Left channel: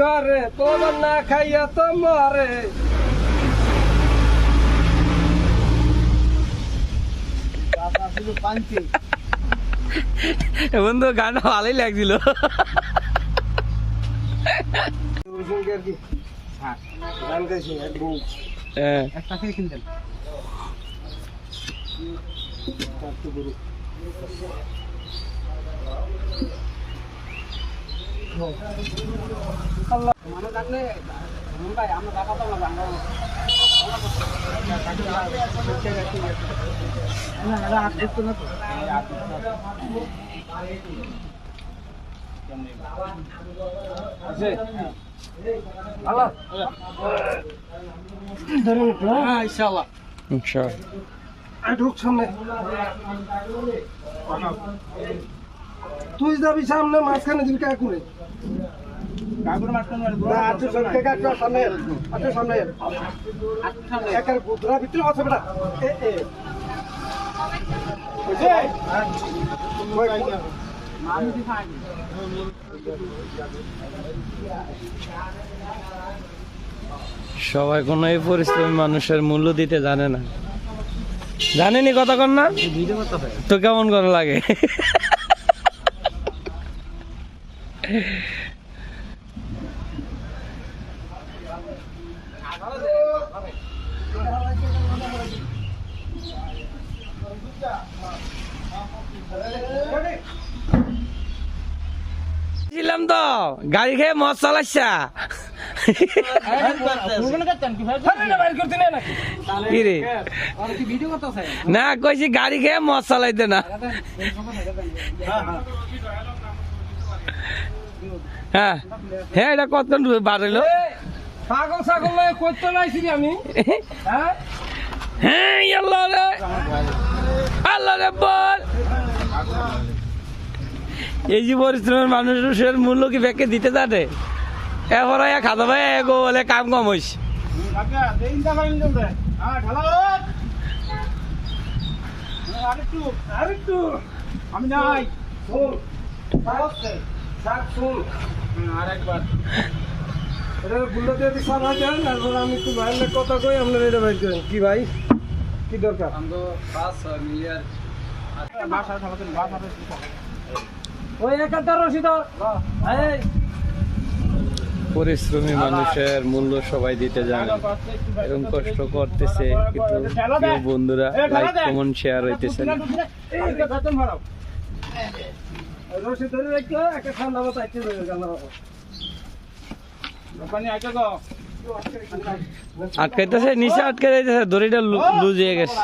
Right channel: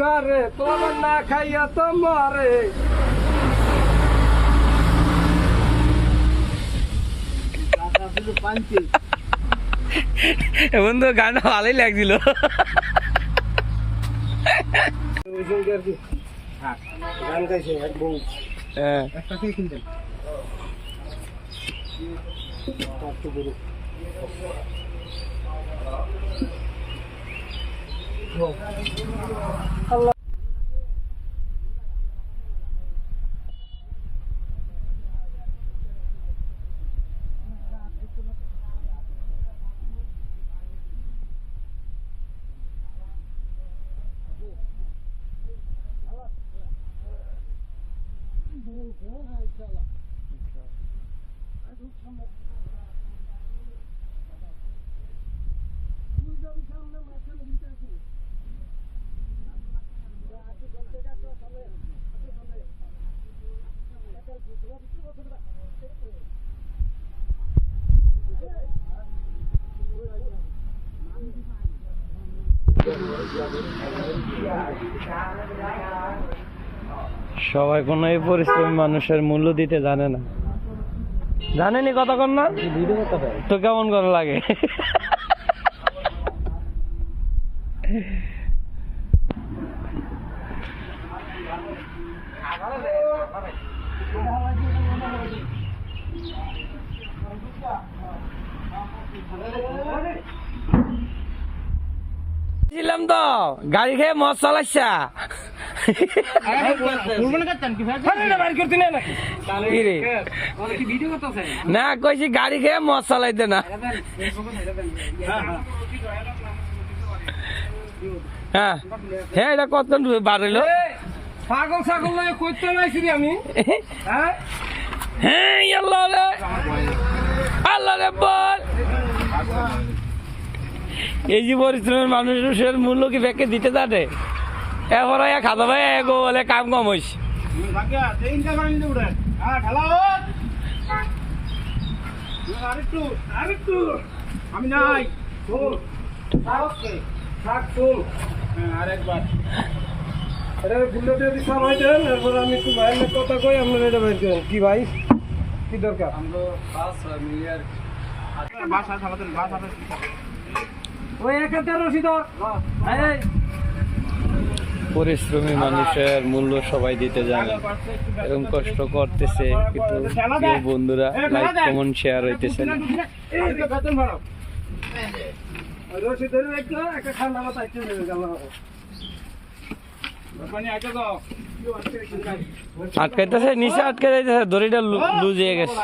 ঘরে তোর না খাইয়া তো মরে। বন্ধু গানটা ভালোই লাগছিল। গান গাইছে এক বউ একটা কি কিনতেন আল্লাহ মানুষ থাকলে ভাই আমরা দেখা তো না তুই যাবি সামনে মাঝখানে দিবি কাকুরে সামনে একার গুদরা ভিতরে আছে বেটা সবাই কোনো এই পরিশ্রমী মানুষের মূল্য দিতে জানে না। জানেনি কতক্ষণ না তো কেমন করে লাগে। ছিলাম তো গাড়ি খেয়ে মদ চালাচ্ছা না কইছি গাড়ি খেয়ে মদ চালাইতে না। হ্যাঁ হ্যাঁ এটা কতক্ষণ বার হইলো ছাগল ছাগল করতে নাইছি আমি হ্যাঁ আল্লাহ রে আল্লাহ রে বল এই যে পরিশ্রমের মানুষের মূল্য কি ব্যাংকে দিতে জানে এবার খাদা ভাই এগো বলে কাম কম হইছে আমি নাই আরেকবার বুল্লাতে সবাই দেন এরপর আমি একটু ভাইয়ের কথা কই আপনারা এটা বের করেন কি ভাই কি দরকার ওই একটা রশিদ পরিশ্রমী মানুষের মূল্য সবাই দিতে জানে এরকম কষ্ট করতেছে কিন্তু প্রিয় বন্ধুরা লাইক কমেন্ট শেয়ার হইতেছে না। রশিদ ধরে একটা ঠান্ডা মাথা আইতে গেল আটকাইতেছে নিচে আটকে যাইতেছে দড়িটা লুজ হয়ে গেছে।